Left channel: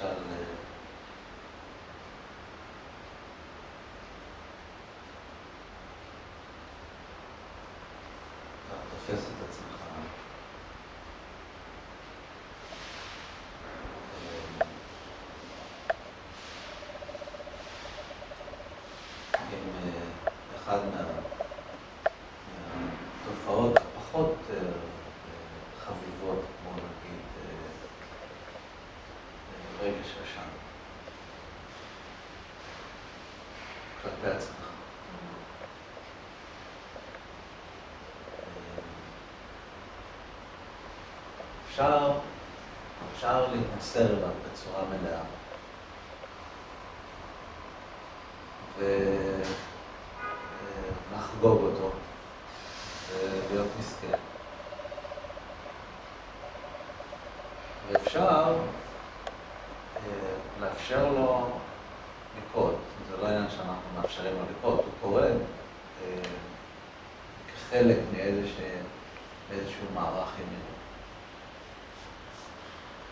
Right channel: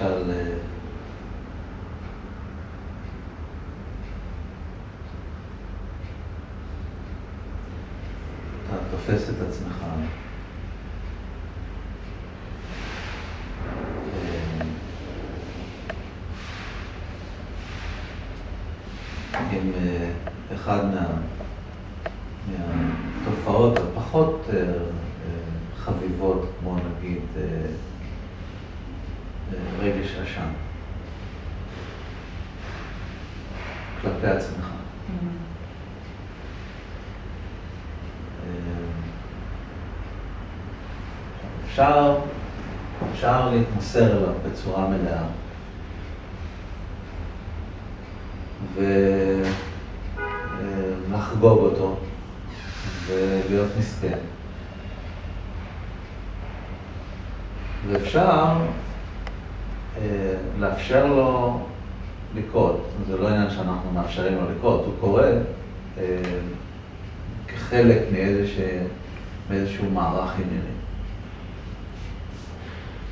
למשל, אתה תופס את עצמך עם אחד מהתופעות הפחות חביבות, כמו נגיד רגש אשם כלפי עצמך. אפשר להתמסר אליו בצורה מלאה ולחגוג אותו ולהיות מסכן. ואפשר לאפשר לו לקרות. זה לא עניין שאנחנו מאפשרים לו לקרות, הוא קורה כחלק מאיזשהו מערך ענייני.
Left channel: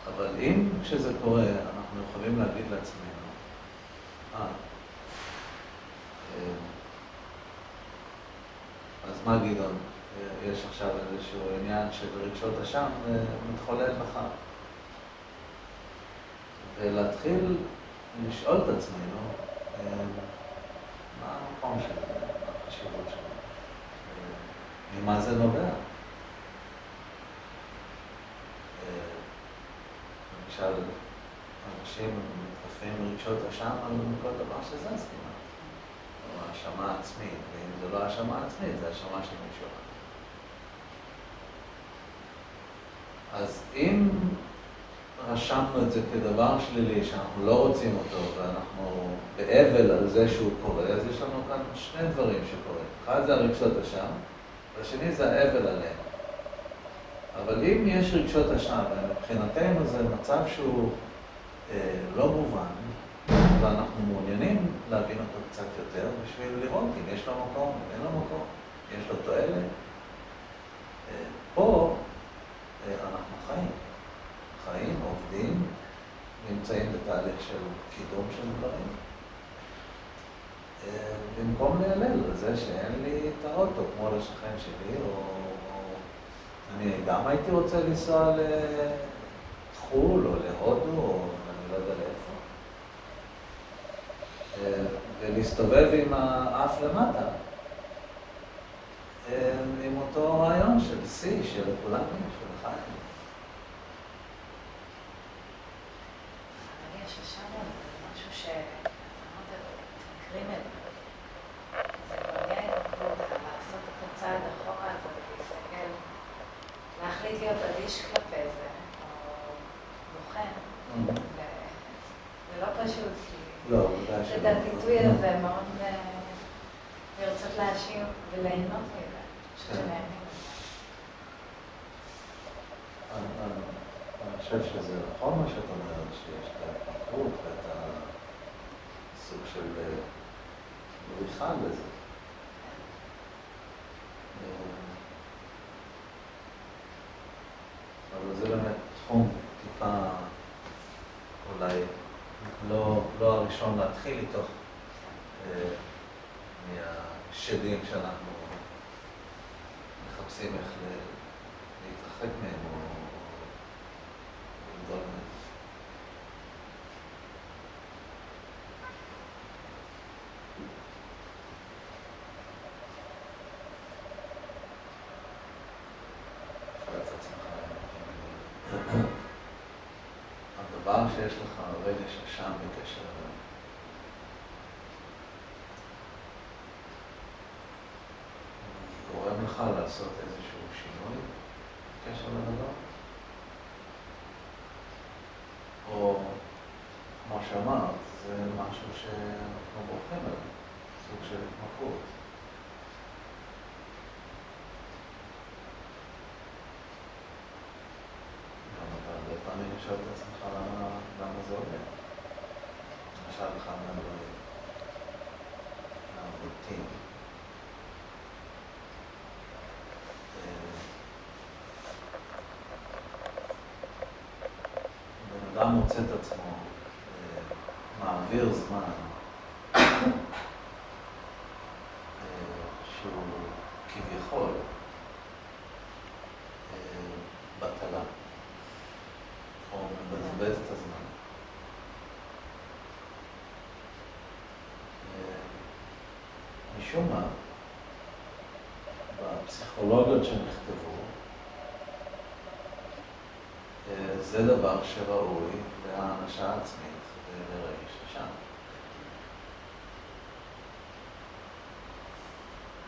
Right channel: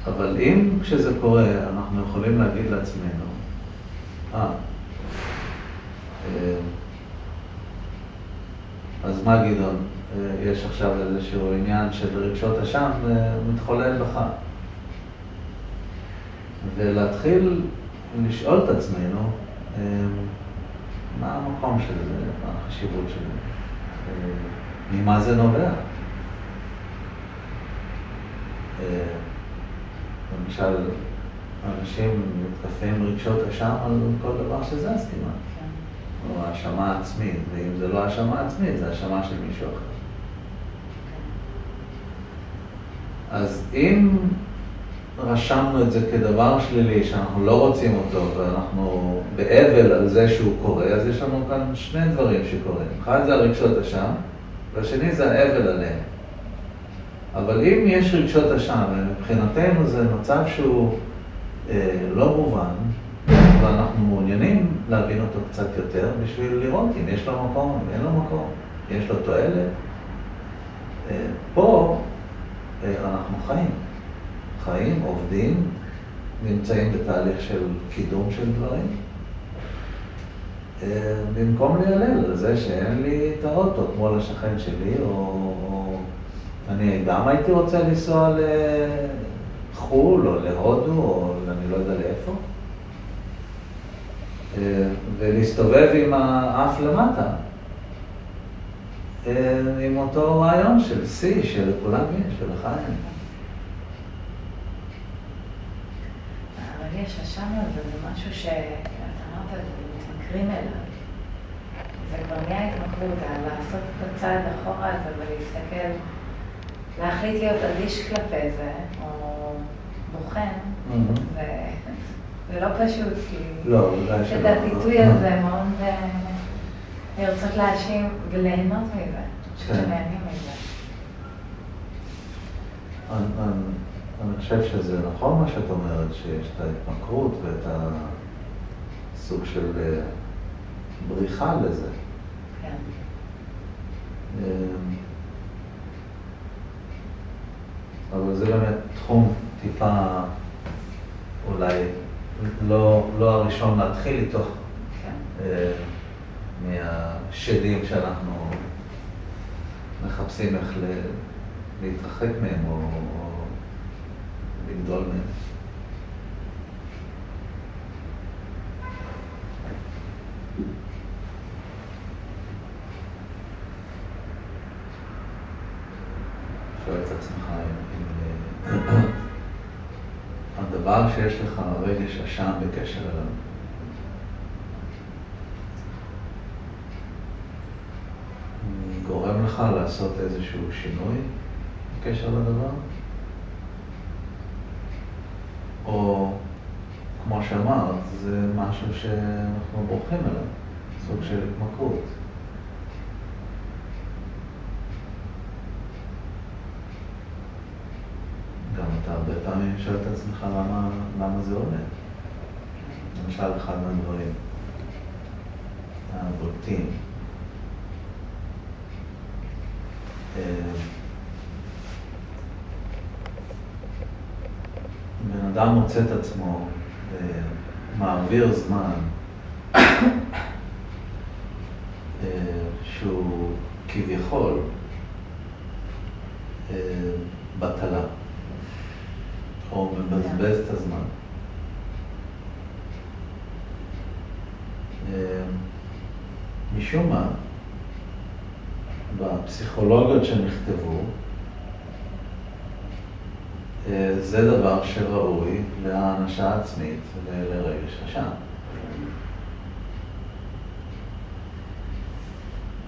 אבל אם כשזה קורה, אנחנו יכולים להגיד לעצמנו, אז מה גדעון? יש עכשיו איזשהו עניין של רגשות אשם מתחולל בך. ולהתחיל לשאול את עצמנו, מה המקום של זה, מה החשיבות של זה, ממה זה נובע. למשל, אנשים מתקפים רגשות אשם על כל דבר שזז כמעט. או האשמה עצמית, ואם זה לא האשמה עצמית, זה האשמה של מישהו אחר. אז אם רשמנו את זה כדבר שלילי, שאנחנו לא רוצים אותו, ואנחנו באבל על זה שהוא קורה, אז יש לנו כאן שני דברים שקורים. אחד זה הרגשות אשם, והשני זה האבל עליהם. אבל אם יש רגשות אשם, מבחינתנו זה מצב שהוא לא מובן, ואנחנו מעוניינים להבין אותו קצת יותר בשביל לראות אם יש לו מקום, אם אין לו מקום, יש לו תועלת. פה אנחנו חיים, עובדים, נמצאים בתהליך של קידום של דברים. במקום להיעלל על זה שאין לי את האוטו כמו לשכן שלי, או אני גם הייתי רוצה לנסוע לחול או להודו, או אני לא יודע לאיפה. ולהסתובב עם האף למטה, עם אותו רעיון של סי, שלכולם יש, ולך אין. אבל יש אשם הזה, זה משהו שאתה אמרת, מתמכרים אליו. זה כבר נהיה התמכרות, לעשות את הצעד אחורה הזה ולהסתכל, להחליט להיות אדיש כלפי זה, או בוחן, זה לא פשוט, כי את הפיתוי הזה מאוד לרצות להאשים וליהנות מזה, שנהנים מזה. אני חושב שזה נכון מה שאת אומרת, שיש את ההתמכרות ואת הסוג של בריחה לזה. כן. אבל זה באמת תחום טיפה אולי לא הראשון להתחיל איתו, מהשדים שאנחנו מחפשים איך להתרחק מהם או לגדול מהם. שואל את עצמך אם הדבר שיש לך רגש אשם בקשר אליו, גורם לך לעשות איזשהו שינוי בקשר לדבר? או כמו שאמרת, זה משהו שאנחנו בורחים אליו, סוג של התמכרות. גם אתה הרבה פעמים שואל את עצמך למה זה עולה. למשל, אחד מהדברים הבולטים. בן אדם מוצא את עצמו, מעביר זמן שהוא כביכול בטלה, או מבזבז את הזמן. משום מה, בפסיכולוגיות שנכתבו, זה דבר שראוי להענשה עצמית ולרגש אשם.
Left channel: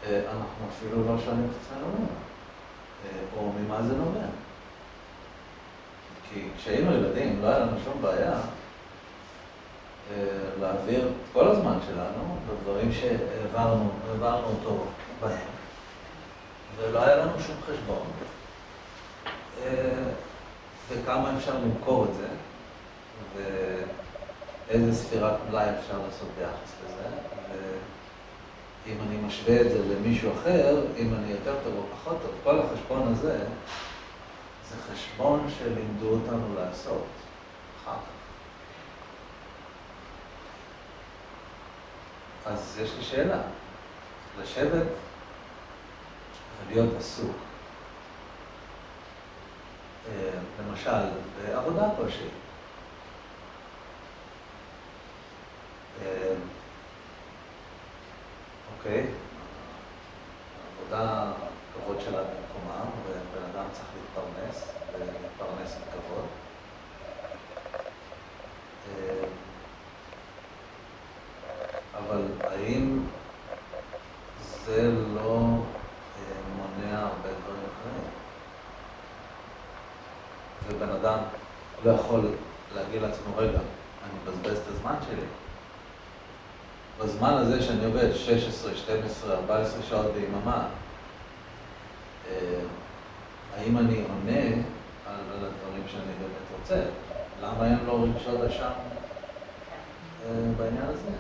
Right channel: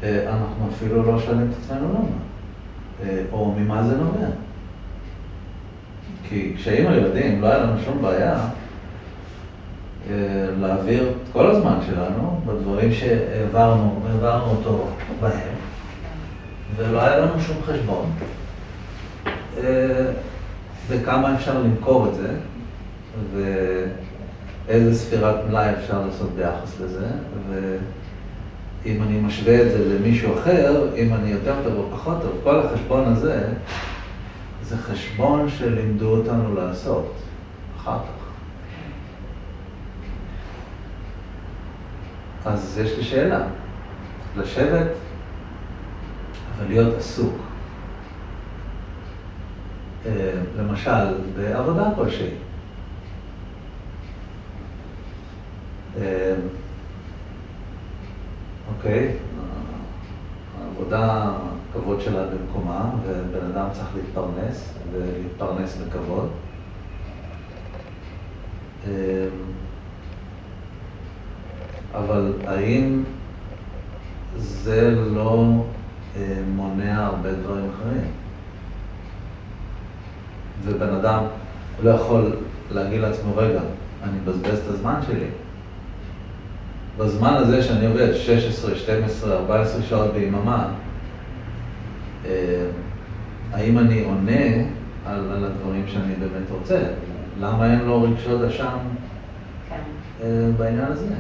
אנחנו אפילו לא שואלים את עצמנו למה, או ממה זה נובע. כי כשהיינו ילדים לא היה לנו שום בעיה להעביר את כל הזמן שלנו בדברים שהעברנו אותו בהם, ולא היה לנו שום חשבון בכמה אפשר למכור את זה, ואיזה ספירת מלאי אפשר לעשות ביחס לזה, ואם אני משווה את זה למישהו אחר, אם אני יותר טוב או פחות טוב, כל החשבון הזה זה חשבון שלימדו אותנו לעשות אחר כך. אז יש לי שאלה, לשבת ולהיות עסוק. למשל, בעבודה כלשהי. אוקיי, העבודה, הכבוד שלה במקומה, ובן אדם צריך להתפרנס, ולהתפרנס בכבוד. אבל האם זה לא מונע הרבה דברים אחרים? ובן אדם לא יכול להגיד לעצמו, רגע, אני מבזבז את הזמן שלי. בזמן הזה שאני עובד 16, 12, 14 שעות ביממה, האם אני עונה על הדברים שאני באמת רוצה? למה אין לו רגשות אשם בעניין הזה?